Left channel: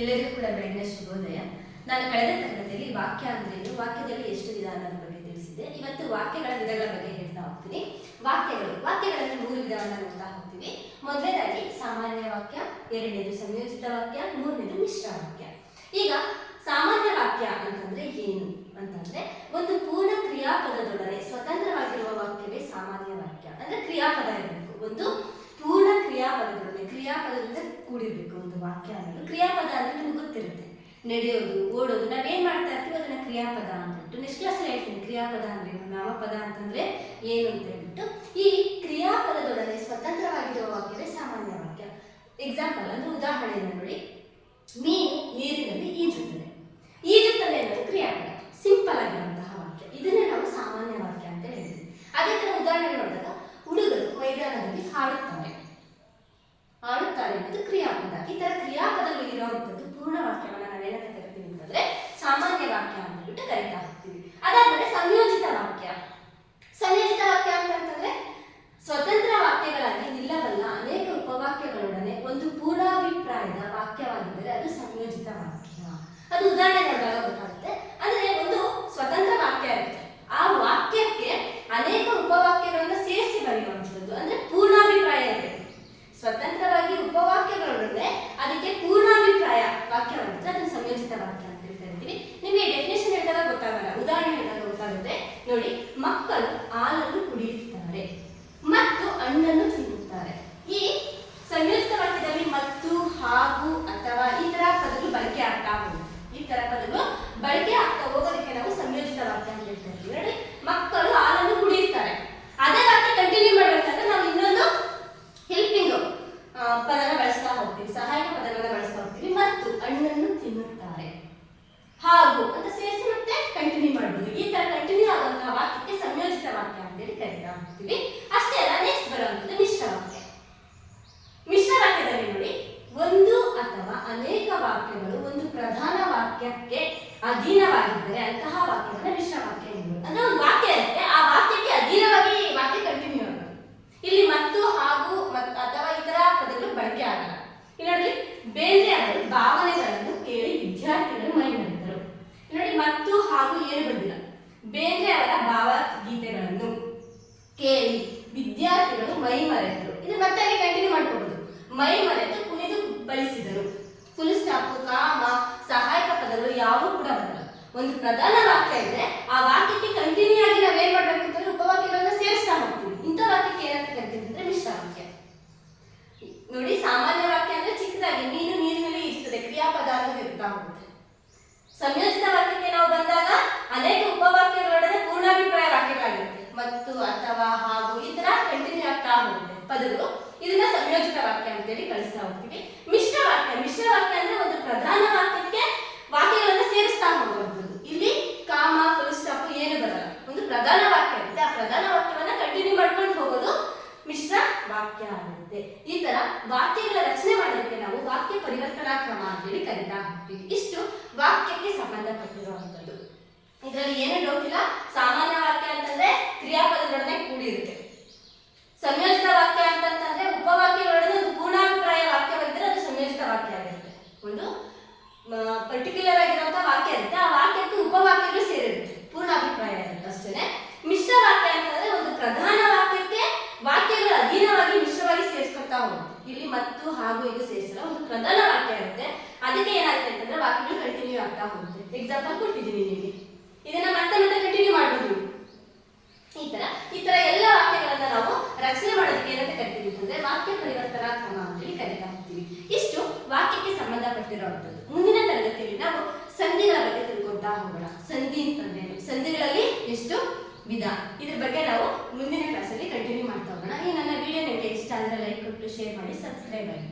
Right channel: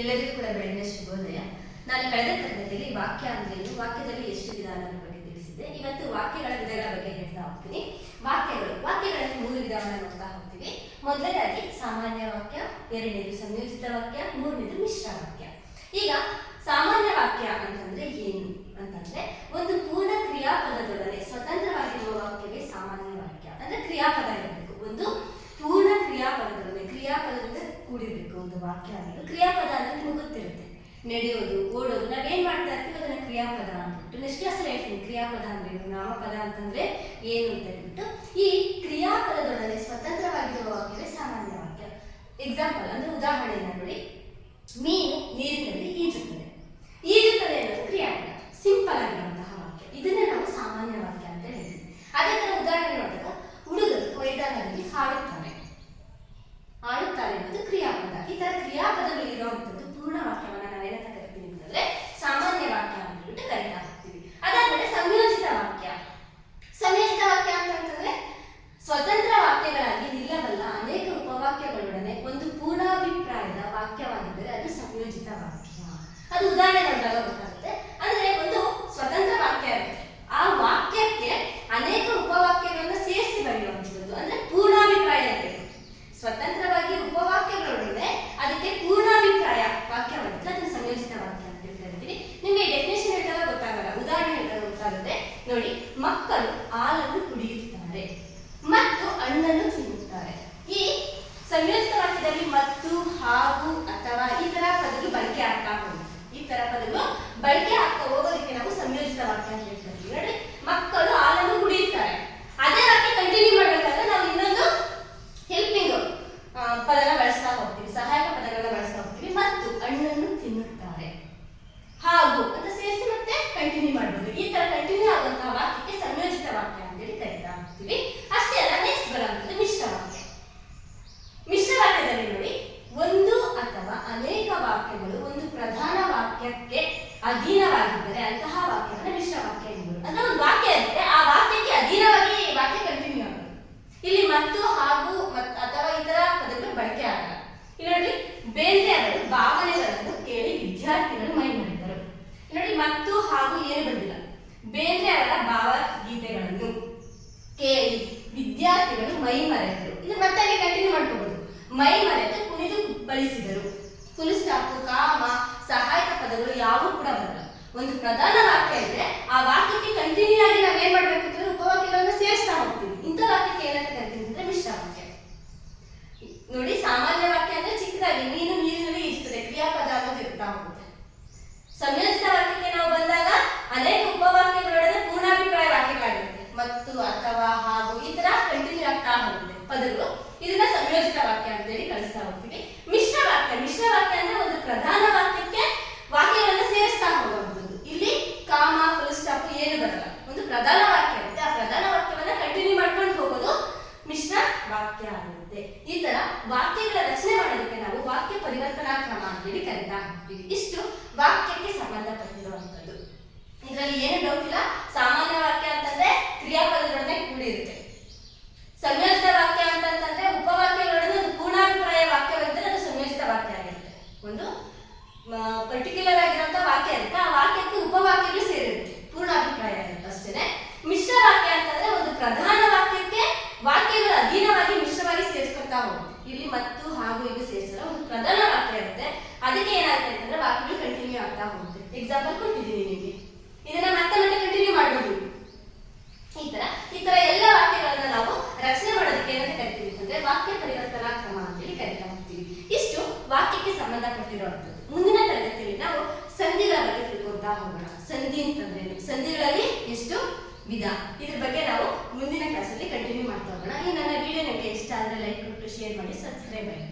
ಎಲ್ಲರಿಗೂ ಕೂಡ ಬೆಳಗಿನ ಶುಭೋದಯ. ನಾನು ಕಳೆದ ತರಗತಿಯಲ್ಲಿ ವಾಕ್ಯ ಅಂದ್ರೆ ವಾಕ್ಯದಲ್ಲಿ ಎಷ್ಟು ವಿಧಾನಗಳ ಬಗ್ಗೆ ತಿಳಿಸಿದೆ ಇವತ್ತು ವಾಕ್ಯಗಳ ವಿಧಗಳ ಬಗ್ಗೆ ಹೇಳ್ತಾ ಹೋಗ್ತೀನಿ. ವಾಕ್ಯಗಳು. ವಾಕ್ಯಗಳಲ್ಲಿ ಮೂರು ವಿಧಾನಗಳನ್ನ ನೋಡ್ತಾ ಹೋಗ್ತೀವಿ. ಮೊದಲನೇದಾಗಿ ಸಾಮಾನ್ಯ ವಾಕ್ಯ, ಎರಡನೇದು ಸಂಯೋಜಿತ ವಾಕ್ಯ, ಮೂರನೇದು ಮಿಶ್ರ ವಾಕ್ಯ ಈಗ ಸಾಮಾನ್ಯ ವಾಕ್ಯ ಅಂತಂದ್ರೆ ಏನು ಅಂತಂದ್ರೆ ಒಂದು ಪೂರ್ಣ ಕ್ರಿಯಾಪದದೊಡನೆ ಸ್ವತಂತ್ರವಾಗಿರುವ ವಾಕ್ಯವೇ ಸಾಮಾನ್ಯ ವಾಕ್ಯ ಅಂದ್ರೆ ಕ್ರಿಯಾಪದ ಇರಬೇಕು ಒಂದು ಪೂರ್ಣ ಕ್ರಿಯಾಪದದೊಡನೆ ಕ್ರಿಯಾಪದದಿಂದ ಕೂಡಿರ್ಬೇಕು ಒಂದು ವಾಕ್ಯ ಅನ್ನೋದು. ಕ್ರಿಯಾಪದ ಅಂದ್ರೆ ನಿಮ್ಗೆ ಗೊತ್ತಿರುತ್ತೆ. ನಡೆಯೋದು, ಓಡೋದು, ನಾವೇನ್ ಮಾಡ್ತಾ ಇರ್ತೀವಿ ಅದನ್ನ ಕ್ರಿಯಾಪದ ಅಂದ್ಬಿಟ್ಟು ನೆಕ್ಸ್ಟ್ ಕ್ಲಾಸಲ್ಲಿ ಹೇಳ್ತೀನಿ. ಕ್ರಿಯಾಪದ ಅಂದ್ರೇನು? ನಾಮಪದ ಅಂತಂದ್ರೆ ಏನು ಅಂತ ಹೇಳ್ಬಿಟ್ಟು, ಈ ಕ್ರಿಯಾಪದದೊಡನೆ ಸ್ವತಂತ್ರವಾಗಿರುವ ವಾಕ್ಯವೇ ಸಾಮಾನ್ಯ ವಾಕ್ಯ. ಎಕ್ಸಾಂಪಲ್ ಅಂದ್ರೆ ಉದಾಹರಣೆಯನ್ನು ನೋಡಿ. ಮೀನು ನೀರಿನಲ್ಲಿ ಈಜುತ್ತದೆ. ಈಜುತ್ತದೆ ಅನ್ನೋದು ಕ್ರಿಯಾಪದ. ಸಿಂಪಲ್ ಆಗಿರುವಂತಹ ವಾಕ್ಯ. ಇದನ್ನೇ ನಾವು ಸಾಮಾನ್ಯ ವಾಕ್ಯ ಅಂತ ಹೇಳ್ತೀವಿ. ಅದೇ ತರ ಉದಾಹರಣೆ ನೋಡಿದಾಗ ಈ ತರ ಕ್ರಿಯಾಪದಗಳು ಇರುವಂತದ್ದು ಪೂರ್ಣ ವಾಕ್ಯವನ್ನ ನಾವೇನ ಕರಿತೀನಿ ಅಂತಂದ್ರೆ ಸಾಮಾನ್ಯ ವಾಕ್ಯ ಅಂತ ಕರೀತಾ ಹೋಗ್ತೀವಿ. ಅದಾದ್ಮೇಲೆ ಸಂಯೋಜಿತ ವಾಕ್ಯ. ಸಂಯೋಜಿತ ವಾಕ್ಯ ಅಂತಂದ್ರೆ ಸ್ವತಂತ್ರ ವಾಕ್ಯಗಳಾಗಿ ನಿಲ್ಲಬಲ್ಲ ಅನೇಕ ಉಪವಾಕ್ಯಗಳೊಡನೆ ಒಂದು ಪೂರ್ಣಾಭಿಪ್ರಾಯದ ವಾಕ್ಯವಾಗಿದ್ದರೆ ಅದು ಸಂಯೋಜಿತ ವಾಕ್ಯ. ಅದು ಉದಾಹರಣೆ ನೋಡಿದಾಗ மக்கள் ஆளன்று ವಾಕ್ಯಗಳು ಒಂದು ಪ್ರಧಾನ ವಾಕ್ಯಕ್ಕೆ ಅಧೀನವಾಗಿದ್ದರೆ ಅಂತಹ ವಾಕ್ಯವನ್ನು ಮಿಶ್ರ ವಾಕ್ಯ ಎಂಬುದು. ಅಂದ್ರೆ ಒಂದು ವಾಕ್ಯ ಇರುತ್ತೆ ಆ ವಾಕ್ಯಕ್ಕೆ ಅಧೀನವಾಗಿ ವಾಕ್ಯ ಕಂಟಿನ್ಯೂ ಆಗುತ್ತೆ ಇಲ್ಲಿ ಮತ್ತು ಹಾಗೂ ಅಥವಾ ಇತರ ಪದಗಳು ಬಳಕೆ ಆಗಲ್ಲ. ಇಲ್ಲಿ ನೋಡಿ ಬೇಂದ್ರೆ ಅವರು ಭಾವನೆಗಳನ್ನು ಕೇಳಿ ವಿದ್ಯಾರ್ಥಿಗಳು ಮೈ ಮಾಡಿದರು ನೋಡಿ ಮತ್ತು ಹಾಗೂ ಏನು ಬಂದಿಲ್ಲ. ಬೇಂದ್ರೆ ಅವರ ಭಾವಗೀತೆಗಳನ್ನು ಕೇಳಿ ವಿದ್ಯಾರ್ಥಿಗಳು ಮೈ ಮರೆತರು ಇದು ಮತ್ತೆ ಕಂಟಿನ್ಯೂ ಮಾಡ್ಕೋಬಹುದು ಮೈ ಮರೆತು ಕುಣಿದು ಬಳಸಿದರು ಫುಲ್ ಸ್ಟಾಪ್ ಕಾಮ ಸಹಾಯಕ ಪದಗಳು ಯಾವೂ ಕೂಡ ಬರಲ್ಲ. ಒಂದು ಪ್ರಧಾನ ವಾಕ್ಯ ಇದೆ ಆ ವಾಕ್ಯಕ್ಕೆ ಕಂಟಿನ್ಯೂ ಆಗಿ ನಾವೇನ್ ಮಾಡ್ಬೇಕು ಅಂತಂದ್ರೆ ಉಪವಾಕ್ಯಗಳನ್ನ ಸೇರಿಸ್ತಾ ಹೋಗ್ತೀವಿ. ಇಂಥ ವಾಕ್ಯಕ್ಕೆ ಏನಂತ ಕರಿತೀವಿ ಅಂದ್ರೆ ಮಿಶ್ರ ವಾಕ್ಯ ನೋಡಿ, ಸಾಮಾನ್ಯ ವಾಕ್ಯ ಅಂದ್ರೆ ಚಿಕ್ಕದಾಗಿ ನೀನು ನೀರಿನಲ್ಲಿ ಇರ್ತದೆ, ಕ್ರಿಯಾಪದ ಅನ್ನೋದು ಇರ್ತಾ ಹೋಗುತ್ತೆ ಸಂಯೋಜಿತ ವಾಕ್ಯಕ್ಕೆ ನಾವು ಬಂದಾಗ ಅನೇಕ ಉಪವಾಕ್ಯಗಳೊಡನೆ ಪೂರ್ಣಾಭಿಪ್ರಾಯ ವಾಕ್ಯಗಳಾಗಿರುತ್ತೆ. ಮತ್ತು, ಅಥವಾ, ಹಾಗೂ ಈ ತರ ಕಂಟಿನ್ಯೂ ಆಗ್ತಾ ಹೋಗುತ್ತೆ ಪದಗಳು. ಇದನ್ನ ಸಂಯೋಜಿತ ವಾಕ್ಯ ಅಂತೇಳಿ ಕಳಿಸ್ತಾ ಹೋಗ್ತೀವಿ. ಮಿಶ್ರ ವಾಕ್ಯ ಅಂದ್ರೆ ಒಂದು ಪ್ರಧಾನ ವಾಕ್ಯಕ್ಕೆ ವಾಕ್ಯಗಳನ್ನು ಸೇರಿಸ್ತಾ ಹೋಗುವಂಥದ್ದು. ಇಲ್ಲಿ ಕಾಮ, ಫುಲ್ ಸ್ಟಾಪ್ ಏನು ಬರಲ್ಲ. ಒಂದು ಪ್ರಧಾನ ವಾಕ್ಯ ಇರುತ್ತೆ. ಆ ಪ್ರಧಾನ ವಾಕ್ಯವನ್ನ ಕಂಟಿನ್ಯೂ ಮಾಡ್ಕೊಂಡು ಹೋಗೋದು ಮಿಶ್ರ ವಾಕ್ಯ ಆಗುತ್ತೆ. ಈ ತರ ವಾಕ್ಯಗಳ ರಚನೆ ಮಾಡೋದಕ್ಕೆ ನಾವು ವಾಕ್ಯ ಪರಿವರ್ತನಾ ಕ್ರಮ ಅಂತೇಳಿ ಕರೀತಾ ಇಷ್ಟು ವಾಕ್ಯಕ್ಕೆ ಸಂಬಂಧಪಟ್ಟಿರುವಂಥದ್ದು ಇದರಲ್ಲಿ ಏನು ಡೌಟ್ ಇಲ್ಲ ಸಾಮಾನ್ಯ ವಾಕ್ಯ ಅಂತಂದ್ರೆ ಕ್ರಿಯಾಪದದೊಡನೆ ಕೂಡಿರುತ್ತೆ ಸಂಯೋಜಿತ ವಾಕ್ಯ ಅಂತಂತಂದ್ರೆ ಉಪವಾಕ್ಯಗಳೊಡನೆ ಒಂದು ಪೂರ್ಣಾಭಿಪ್ರಾಯ ವಾಕ್ಯವಿದ್ದರೆ ಅದು ಸಂಯೋಜಿತ ವಾಕ್ಯ ಆಗಿರುತ್ತೆ ಒಂದು ಪರ್ಟಿಕ್ಯುಲರ್ ಆಗಿರುವಂತ ವಾಕ್ಯ ಇರುತ್ತೆ ಆ ವಾಕ್ಯಕ್ಕೆ ಉಪವಾಕ್ಯಗಳು ಸೇರಿರುತ್ತೆ ಪೂರ್ಣಾಭಿಪ್ರಾಯ ಇರುತ್ತೆ ಅಷ್ಟೇ ಮಿಶ್ರ ವಾಕ್ಯ ಅಂತಂದ್ರೆ ಒಂದು ಪ್ರಧಾನ ವಾಕ್ಯಕ್ಕೆ ವಾಕ್ಯಗಳು ಅಧೀನವಾಗಿ ಮಿಶ್ರವಾಗಿ ಸೇರಿಸ್ಕೊತಾ ಹೋಗುತ್ತೆ ಇಲ್ಲಿ ಮತ್ತು ಹಾಗೂ ಇದು ಸೇರಿಸಲ್ಲ ಒಂದು ಪ್ರಧಾನ ವಾಕ್ಯ ಇರುತ್ತೆ ಅದಕ್ಕೆ ಏನಾಗುತ್ತೆ ಅಂತಂದ್ರೆ ವಾಕ್ಯಗಳು ಕಂಟಿನ್ಯೂ ಆಗ್ತಾ ಹೋಗುತ್ತೆ ಎಕ್ಸಾಂಪಲ್ ಕೊಟ್ಟಿದ್ದೀನಿ ನಿಮಗೆ ಇದನ್ನ ಮತ್ತೆ ಮತ್ತೆ ಕಂಟಿನ್ಯೂ ಮಾಡ್ಬೋದು ಈ ತರ ಈ ತರ ಎಲ್ಲ ವಾಕ್ಯಗಳನ್ನ ನಾವು ರಚನೆ ಮಾಡೋದಕ್ಕೆ ಏನಂತ ಕರಿತೀವಿ ಅಂತಂದ್ರೆ ವಾಕ್ಯ ಪರಿವರ್ತನಾ ಕ್ರಮ ಅಂತೇಳಿ ಕರಿತಾ ಹೋಗ್ತೀವಿ ಇಷ್ಟು ವಾಕ್ಯಕ್ಕೆ ಸಂಬಂಧಪಟ್ಟಿರುವಂಥದ್ದು. ಮುಂದಿನ ತರಗತಿಯಲ್ಲಿ ನಾವು ಸಂಧಿಗಳ ಬಗ್ಗೆ ತಿಳ್ಕೊಳ್ತಾ ಹೋಗೋಣ. ಸಂಧಿ ಅಂತಂದ್ರೆ ಸಂಧಿಗಳಲ್ಲಿ ಎಷ್ಟು ವಿಧ? ಇದ್ರ ಬಗ್ಗೆ ನಾವು ಮುಂದಿನ ಕ್ಲಾಸಲ್ಲಿ ಕಂಟಿನ್ಯೂ ಮಾಡ್ತಾ ಹೋಗೋಣ. ಈ ನನ್ನ ವಿಡಿಯೋ ನಿಮಗೆ ಇಷ್ಟ ಆದರೆ ಲೈಕ್ ಕೊಟ್ಟು ಶೇರ್ ಮಾಡಿ ಸಬ್ಸ್ಕ್ರೈಬ್ ಮಾಡಿ.